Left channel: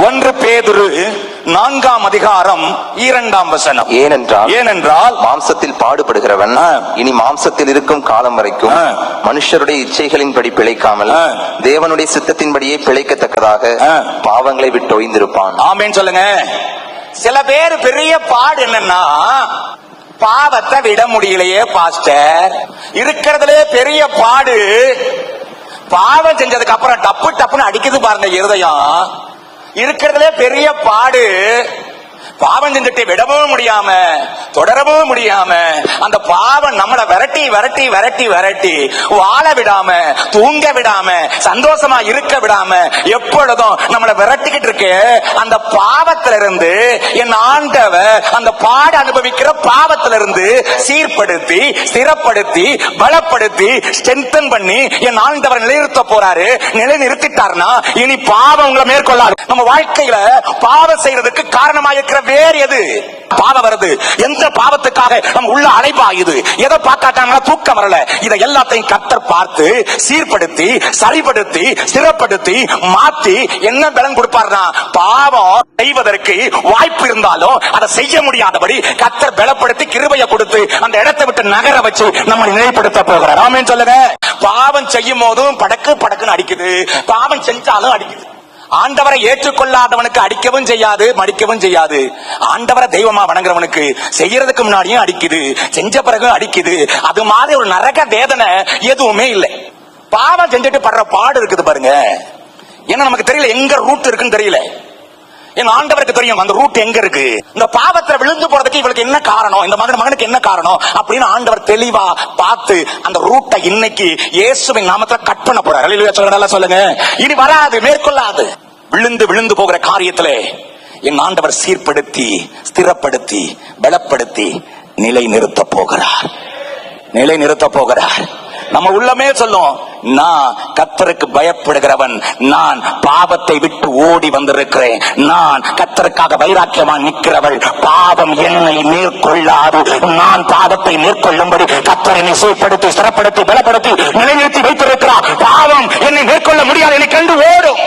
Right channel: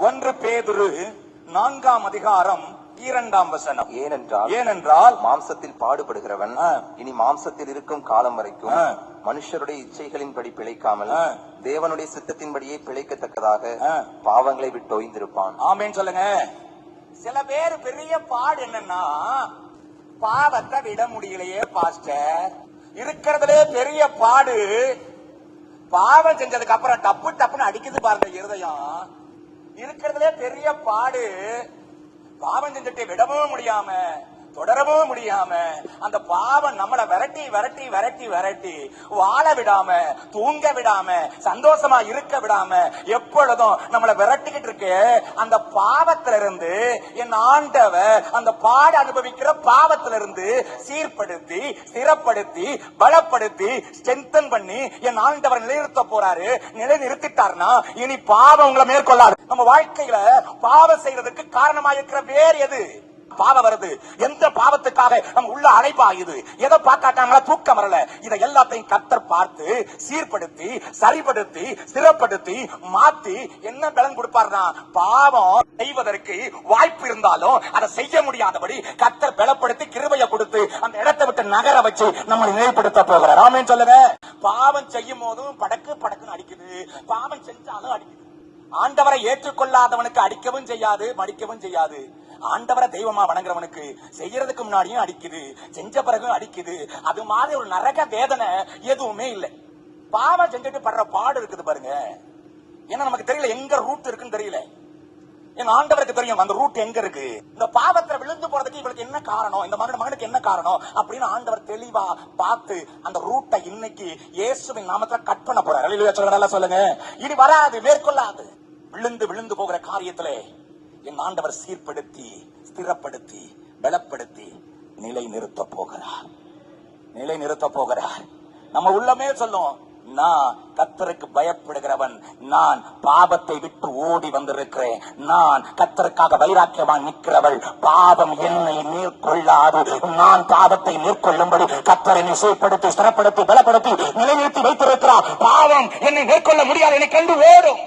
1 பேதுரு 4ஆம் அதிகாரம் 2ஆம் வசனம். ஏனென்றால் மாம்சத்தில் பாடுபடுகிறவன் இனி மாம்சத்தில் இருக்கும் காலம் வரைக்கும் மனுஷருடைய இச்சைகளின்படி பிழைக்காமல் தேவனுடைய சித்தத்தின்படியே பிழைக்கத்தக்கதாக பாவங்களை விட்டு ஒய்ந்திருப்பான். ஆமென் சொல்லுங்க. சில பேர் பெரிய பாடு என்னன்னா, பாவத்தை விட முடியலையே பாஸ்டர். இருக்கிறதுல பெரிய பாடு பாவம் செஞ்சதுக்கு அப்புறம் டப்பு டப்புன்னு அடிக்குது பாருங்க இருதயம். இருக்கிறதுல பெரிய பாடு பாவம் செஞ்சுட்டு விடவும் முடியாம தொடரவும் முடியாம அந்த பாவம் நம்மளை விரட்டி விரட்டி விரட்டி விரட்டி வாழ விடாம தூங்க விடாம சந்தோஷமா இருக்க விடாம எப்பொழுதும் நம்மளை விரட்டிக்கிட்டு இருக்கு. அந்த பாவத்திலிருந்து என் ஆண்டவர் அந்த பாடு அனுபவிக்கிற பாவத்திலிருந்து சீர்படுத்தி ஸ்திரப்படுத்தி பலப்படுத்தி ஸ்ட்ரென்தன் பண்ணி என் ஆண்டவர் நிலைநிறுத்த போறாரு. நிலைநிறுத்திட்டார்னா இனி பாவம் உங்களை மேற்கொள்ளாது. நம்ம வாழ்க்கையில பாவம் செய்யறதுக்கு காரணமாக இருக்கிற வேறு எது? பாவம் வருது. எந்த பாவத்துக்காக நம்ம உள்ள அலைபாயுது? எதை பார்த்தாட்டாங்களா தூக்கம் வரல? இதை எல்லாத்தையும் கர்த்தர் பார்த்து சீர்படுத்தி சரிபடுத்தி ஸ்திரப்படுத்தி மாத்தி என்ன பலன் கொடுப்பார்னா, பாவம் செய்வதற்கு வாய்ப்பு இருந்தாலும் அதை செய்ய முடியாதபடி கர்த்தர் பலப்படுத்தி கிருபையை கொடுத்து அந்த இடத்தை விட்டு நகர வச்சு நம்ம நிலைப்படுத்த போகிறார். ஆமென் சொல்லுங்க. பாவம் செய்யும் போதும் படக்கு படக்குன்னு அடிக்குது, பாவம் செஞ்சாலும் அடிக்குது. ஆண்டவரை ஏற்றுக்கொள்ளாதவனுக்கு அடிக்கவும் செய்யாது மடிக்கவும் செய்யாது. ஆண்டவரை தெய்வமா வணங்குறவனுக்கு செய்யறதுக்கு முன்னாடியும் அடிக்குது, செஞ்ச பிறகு அடிக்குது. அது மாதிரி ஒரு நரக வேதனை எதுவுமே இல்லை. பாவம் செஞ்சுட்டு படுற பாடு இருக்குது பாருங்க. ஏன்னா நமக்கு தெரியல எங்க ரூட் இருக்குன்னு தெரியல. என் ஆண்டவருக்கு தெரியும் அந்த ரூட் எங்க இருக்கு. இந்த பாவத்துல விழுந்து போறதுக்கு இவளுக்கு என்ன காரணம், இந்த மகனுக்கு என்ன காரணம் அப்படின்னு ஆண்டவர் தெளிவா பார்த்து அந்த ரூட்டை இன்னைக்கு இயேசுவின் நாமத்துல கட் பண்ண போறார். அல்லேலூயா சொல்லுங்க. இனி வராது, மேற்கொள்ளாது. விழுந்து விழுந்து போகிற காரியத்திலே என் ஆண்டவர் சீர்படுத்தி ஸ்திரப்படுத்தி பலப்படுத்தி நிலை நிறுத்த போகிறார். நிலை நிறுத்த போகிறார். நம்ம உள்ளமே சொல்லும், நான் கர்த்தருக்கு பயப்படுகிறவன், நான் பாவத்தை விட்டு ஓடி வந்திருக்கிறேன், நான் கர்த்தருக்காக வைராக்கியமா நிற்கிறவள், பாவம் என்னை மேற்கொள்ளாது, நான் பாவத்தை மேற்கொள்ளும்படி கர்த்தர் என்னை சீர்படுத்தி ஸ்திரப்படுத்தி பலப்படுத்தி நிலைநிறுத்தி வைத்திருக்கிறார். பாவம் என்னை மேற்கொள்ள முடியாது, என்னை கண்டு ஓடும்.